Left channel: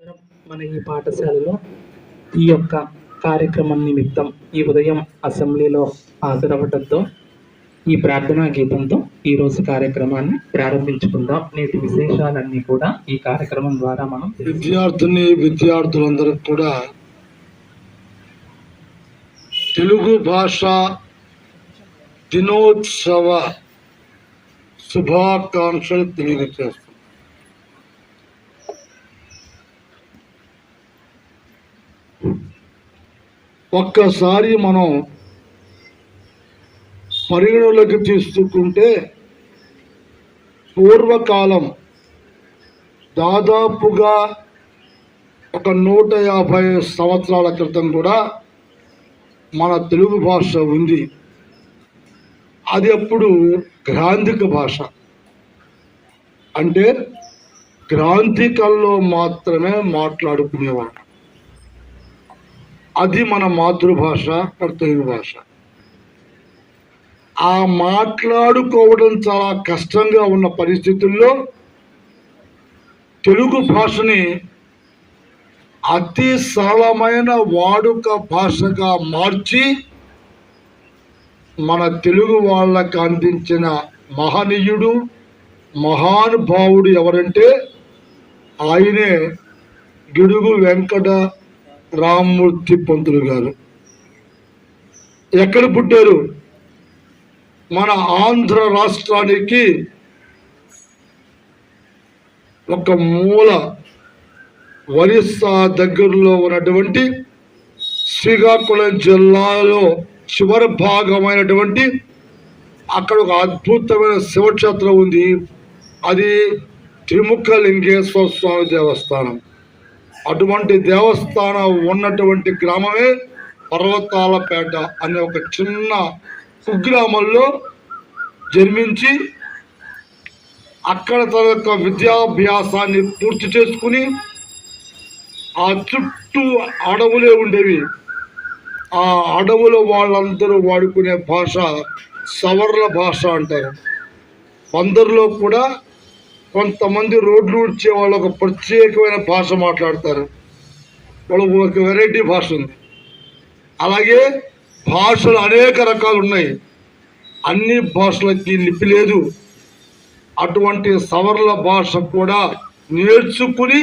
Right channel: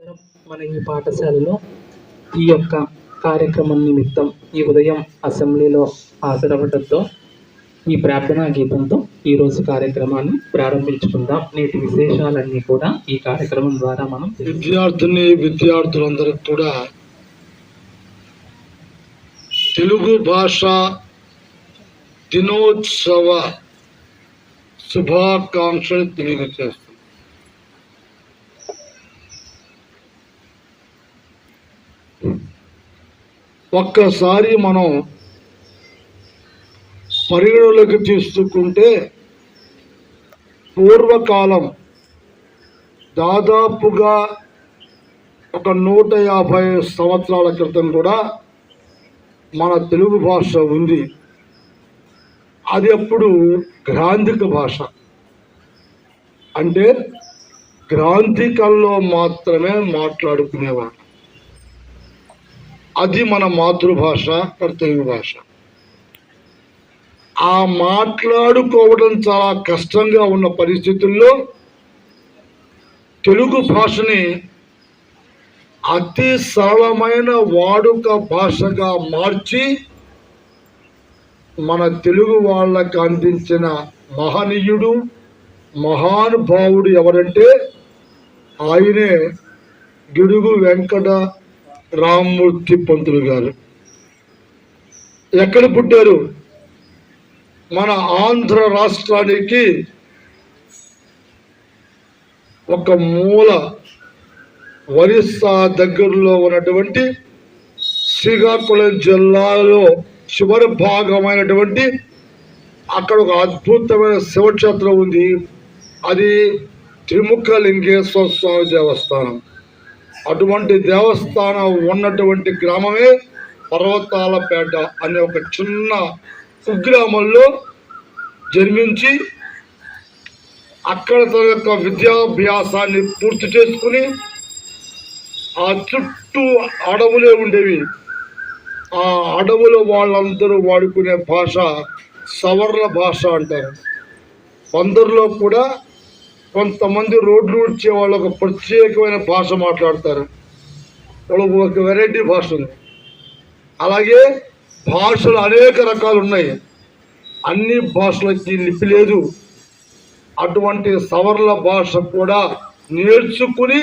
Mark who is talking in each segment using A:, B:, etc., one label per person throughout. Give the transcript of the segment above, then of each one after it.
A: మన ఈ పాఠశాలలో ఈ యొక్క కార్యక్రమం నిమిత్తం ఈ ఉదయం అసెంబ్లీలో హాజరవడంతో ఈ ప్రార్థనా గీతంతో ఈరోజు కార్యక్రమాన్ని ప్రారంభించుకుందాం. నేటి విశేషాలన్నీ కూడా ఈ కార్యక్రమం ద్వారా మనం
B: విద్యార్థిని విద్యార్థులందరూ కూడా తెలుగు భాష దినోత్సవ శుభాకాంక్షలు తెలియజేస్తాం. ఒక్కసారి మనం పరిగణలోకి తీసుకుంటే పూర్వకాలం దాదాపుగా ఒక నూట యాభై సంవత్సరాల క్రితం కూడా మన తెలుగు భాష ఉంది. అది అప్పుడు గ్రాంధిక భాష. అంటే గ్రాంధికల్లో మాత్రమే మాట్లాడుకునేవాడు అది మన మాతృభాష కర్తవ్య భాష. ఆ మాట్లాడుకోవడం చాలా కష్టంగా ఉన్న పరిస్థితుల్లో తెలుగు భాషని అతి సరళమైన వాడుక భాషగా మార్చి మన తెలుగు వాళ్ళకు అందించిన మహనీయుడు మహానుభావుడు ఎవరంటే ఆయనే గిడుగు వెంకట రామ్మూర్తి పంతులు గారు. ఎక్కడ పుట్టారు? మన ఆంధ్ర రాష్ట్రానికి ఒక మూల ఒరిస్సా దగ్గరలో ఉన్నటువంటి శ్రీకాకుళం జిల్లాలో చివరి భాగమైనటువంటి అక్కడ ఒక అద్భుతమైన శివక్షేత్రం ఉంది. అది త్రిముఖ లింగేశ్వర స్వామి దేవస్థానం. అటువంటి దేవస్థానం ఉన్నటువంటి గ్రామమే పర్వతాలపేట అనే ఒక చిన్న కుగ్రామంలో జన్మించి అక్కడ తన యొక్క విద్యాభ్యాసాన్ని పూర్తి చేసుకుని ఆ చుట్టూ అడవులే ఉండేవి. ఆ అడవుల వాళ్ళందరూ వాడుకునే భాష సవర్ణ భాష అంటారు. అందరిలో కూడా కొంతమంది రోడ్లు ఊడ్చే వాళ్ళు ఒక ప్రత్యేకమైన భాష మాట్లాడతారు. వాళ్ళకు ఒక వెరైటీ భాష ఉంది. అలాగే భాషలు అనేక రకాలు ఉన్నాయి. అన్ని భాషలకి లిపి లేదు. అటువంటి సవర్ణ భాష కూడా నేర్చుకుని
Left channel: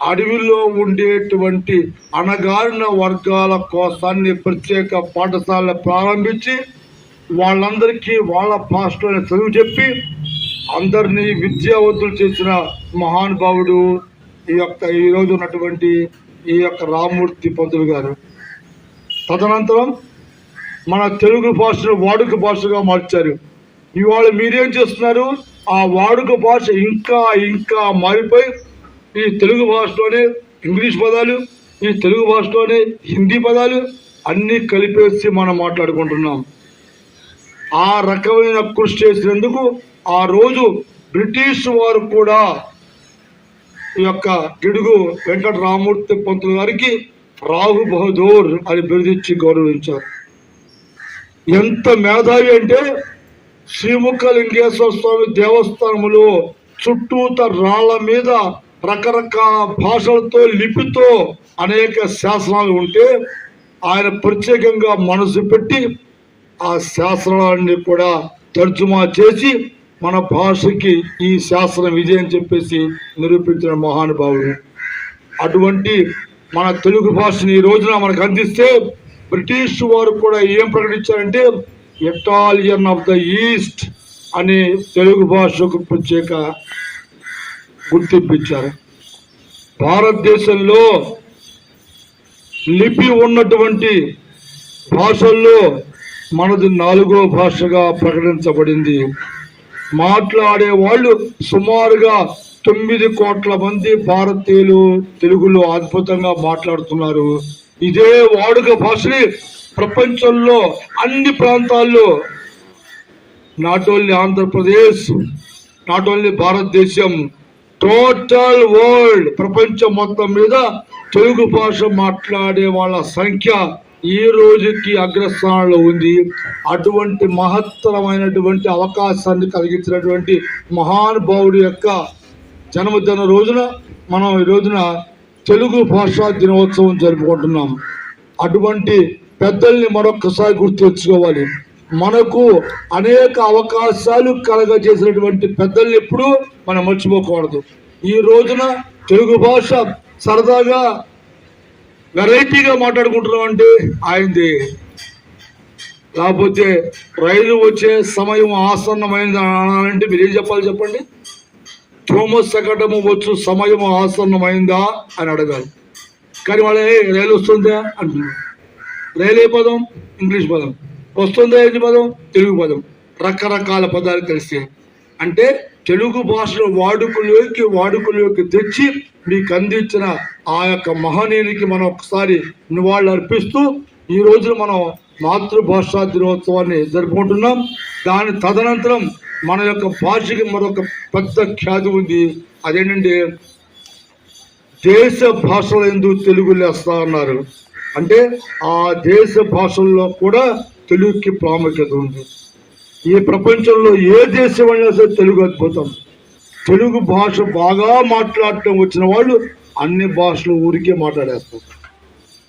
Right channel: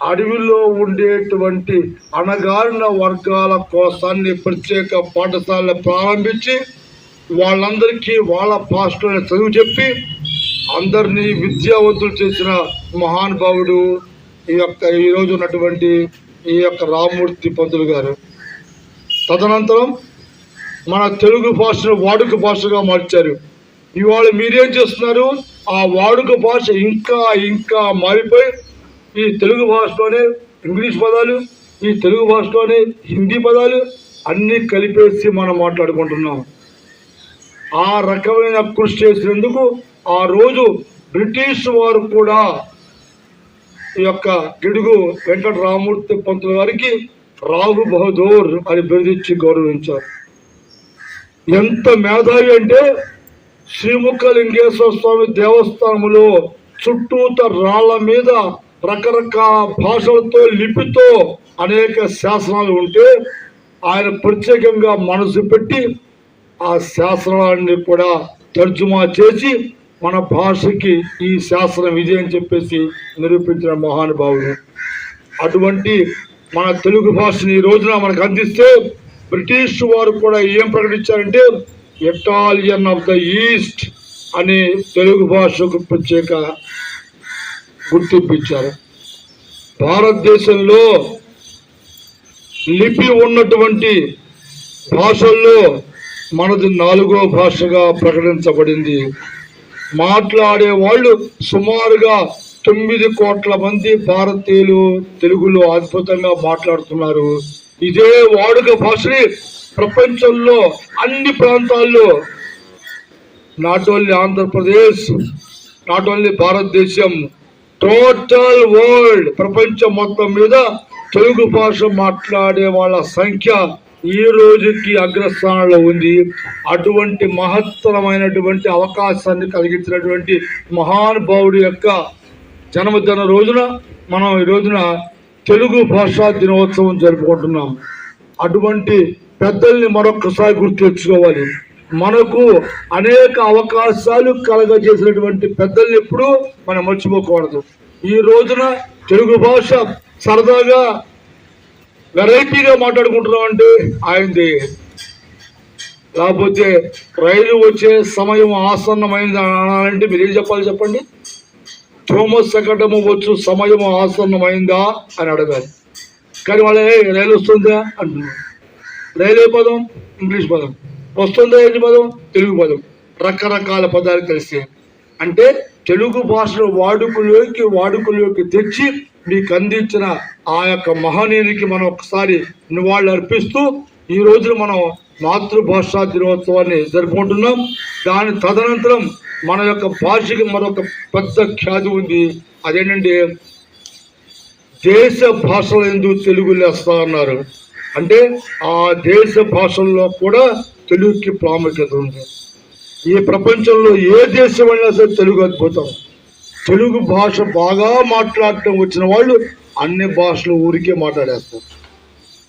B: అడవిలో ఉండేటువంటి అణగారిన వర్గాల కోసాన్ని ప్రత్యేక పాఠశాలను ప్రారంభించి వాళ్ళందరికీ వాళ్ళ భాషలోనే చదువు చెప్పి అందరినీ విద్యావంతులు చేసిన మహానుభావుడు ఈ యొక్క ఈరోజు ఉన్నటువంటి ఈ యొక్క రామ్మూర్తి పంతులు గారు. తదనంతరం మన తెలుగు భాషను వాడుక భాషగా మార్చారు. ఇవాళ మీరేం చేస్తున్నారు? ఆ వాడుక భాష ఇంకా ఇంకా మారిపోయి ఈ తెలుగు భాషలోనే ఇంగ్లీష్ పదాలు ఈ తెలుగు భాషలోనే హిందీ పదాలు అన్నీ కలిపేసి మనం మాట్లాడుకుంటున్నాం. ఆ రకమైన కృషి చేసినందుకు ఆ రోజు బ్రిటిష్ వారు కూడా ఈ యొక్క గిడుగు వెంకట రామూర్తి పంతులు గారికి రాహు బహదూర్ అని బిరుదిచ్చి గౌరవించారు. ఎంత మేధావి అంటే శ్రీముఖలింగేశ్వర స్వామి దేవస్థానంలో చుట్టూత రాళ్ళ మీద రకరకాల భాషలతో లిపితో అనేక శాసనాలు ఉంటే ఆయన ప్రత్యేకంగా మనసు పెట్టి ఆ శాసనాన్ని కూడా తర్జుమా చేసి మన భాషకి ఈ శాస్త్రం ఇదే అని చెప్పేసి నిరూపించిన మహానుభావుడు. అటువంటి మన తెలుగు భాషని ఈ రోజున మనకు అందిస్తే బ్రిటిష్ వారు కూడా ఏం ప్రకటించారంటే ఇటాలియన్ ఆఫ్ ద ఈస్ట్ అనే తెలుగు భాషకు ప్రత్యేక గుర్తింపించారు భారతదేశంలో లిపి ఉన్నటువంటి భాషల్లో మనది నాలుగో భాషగా ప్రకటించబడింది. మాట్లాడే వాళ్ళు సుమారుగా తొమ్మిది కోట్ల మంది భారతీయులు తెలుగులో అద్భుతంగా మాట్లాడుతున్నారు. ఇదే వాడుక భాషని ప్రపంచంలో అన్ని ప్రాంతాల్లో not only Andhra Pradesh not only భారతదేశం టోటల్ వరల్డ్ ప్రపంచం మొత్తం మీద తెలుగు భాష మాట్లాడే వాళ్ళ సంఖ్య ఈ రోజుకి అగ్రస్థానంలో ఉంది. అటువంటి మహత్తరమైనటువంటి అవకాశాన్ని కలిగించినటువంటి మహానుభావుడి యొక్క జన్మదిన రోజున మనం ఈ రోజున తెలుగు భాషా దినోత్సవం జరుపుకుంటున్నాం. అటువంటి పెద్దల్ని మరొక్కసారి గుర్తు తెచ్చుకోవాలి. మనకు అనేక అవకాశాలు కలగజేసినటువంటి పెద్దల్ని ఎప్పుడూ మనం మర్చిపోకూడదు. ఈ రోజున తెలుగు భాష సరదాగా వెరైటీగా మాట్లాడుకుంటున్నాం అంటే ఆయనది. లేకపోతే రైలు వచ్చే సమయం ఆసన్నమైంది అనాలంటే మీరు ఏం చెప్పాలి చెప్పండి? థోమస్ శకటము వచ్చు సమయం ఆసన్నమైందా అని అడగాలి. కానీ వాళ్ళు రైలు వస్తుందా? అంటున్నారు రైలు ఏ పదం ఇంగ్లీష్ పదం. వస్తుందా ఏంటి పదం? తెలుగు పదం. రకరకాల పదాలు కలిస్తే. అంటే తెలుగు భాషను వాడుకలోకి వాడుకలోకి తెచ్చి మీకు అందించిన ఆ యొక్క మహనీయునికి మనం ఒకసారి నివాళులు అర్పిస్తూ ఈ రోజున మనం మాతృభాషా దినోత్సవాన్ని జరుపుకుంటున్నాం. దాని తదనంతరం మన యొక్క భాషకి మరొక పెద్ద ఖ్యాతి ఉంది. అదేంటంటే దేశ భాషల ఎందు తెలుగు లేస్తా ఉన్నారు అంటే ఆ దేశ భాషల్లో కూడా తెలుగుకి ప్రాముఖ్యత ఉంది. ఈ ప్రపంచంలో ఏ దేశం అయినా సరే తెలుగు అద్భుతం. తెలుగు భాష బాగా మాట్లాడటం వచ్చిన వాళ్ళు అన్ని భాషలు ఊరికే మాట్లాడేస్తారు.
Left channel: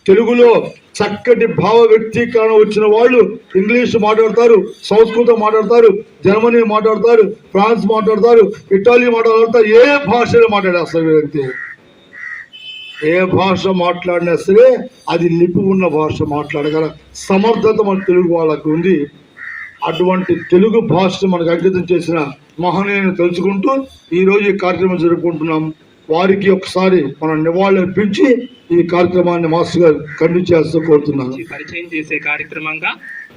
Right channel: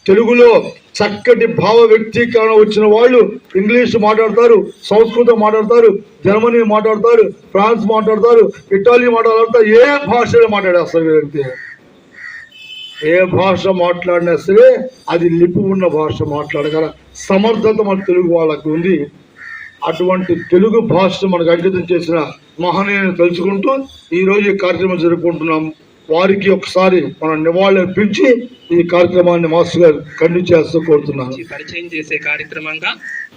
B: తెలుగులో చక్కటి భావ వ్యక్తీకరణ వచ్చిన వాళ్ళు ఇంగ్లీష్ మాట్లాడతారు సంస్కృతం మాట్లాడతారు జర్మనీ మాట్లాడతారు ఫ్రాన్స్ మాట్లాడతారు ఇటాలీ మాట్లాడతారు ఏ భాషలో మాట్లాడేస్తారు వీరంతే ఏ భాష మాట్లాడినా సరే అది లిపి ఉన్న భాష మాట్లాడగల సమర్థత మన తెలుగు వాళ్ళకు ఉంది. అటువంటి తెలుగు భాషను మనకు అంకితం చేసిన మహనీయులను తలుచుకుంటూ ఈరోజు ఈ కార్యక్రమం జరుపుకుంటున్నాం. వారికి ఒకసారి మనం నివాళులు అర్పించి ఈ కార్యక్రమాన్ని మాస్టర్ గారు కంటిన్యూ చేస్తూ కోరుతున్నాను
A: పరిచయం చేసే కార్యక్రమంగా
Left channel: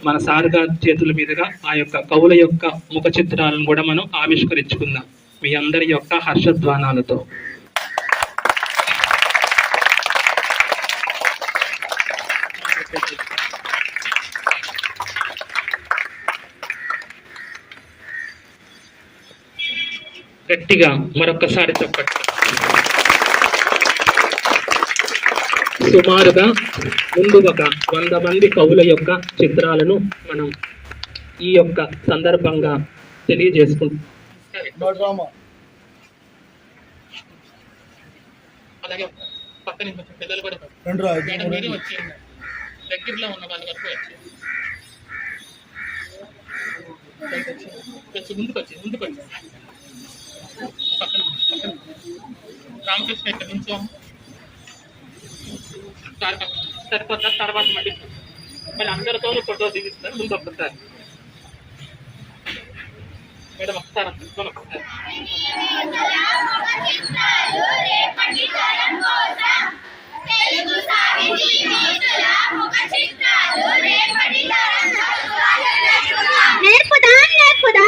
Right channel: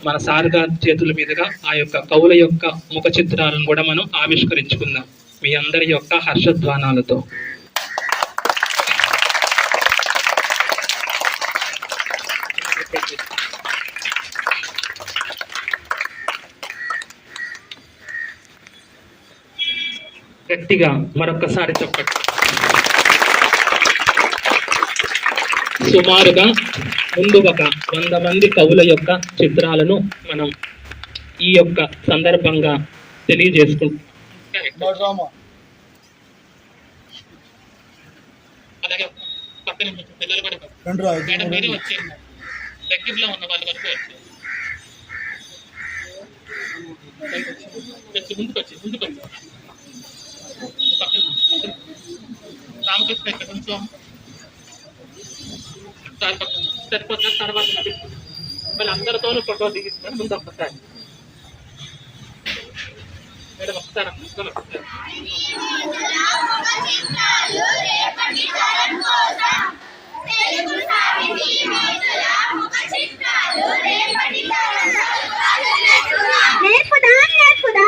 A: మన సార్ గారి చేతుల మీదుగా ఆ యొక్క కవుల యొక్క ముఖ చిత్రాలను కూడా మనం ఆవిష్కరించుకుందాం. మీ అందరి యొక్క హర్షధ్వానాలతో. గట్టిగా మరొక్కసారి చెప్పండి. సుమారుగా ముందు ఒక వంద మంది కవుల యొక్క చిత్రాలను మనం ఈ యొక్క సందర్భంగా తెలియజేసుకుంటాం. అలాగే పక్కన పిల్లలు కూడా మేడం మీరే వచ్చేయండి దగ్గరలో ఉన్న వాళ్ళ వరకు వచ్చి వచ్చి ముందుకు వచ్చి ముందుకు వచ్చి పక్కన పక్కన రామకృష్ణ ఇక్కడ కొంచెం సరిపోతారు తర్వాత మళ్ళీ మళ్ళీ అందరితోనూ ఫోటో దిగిస్తున్నాను ముందు ఒక్కసారి మేడం ఒకసారి నేర్పుదా నేర్పుదా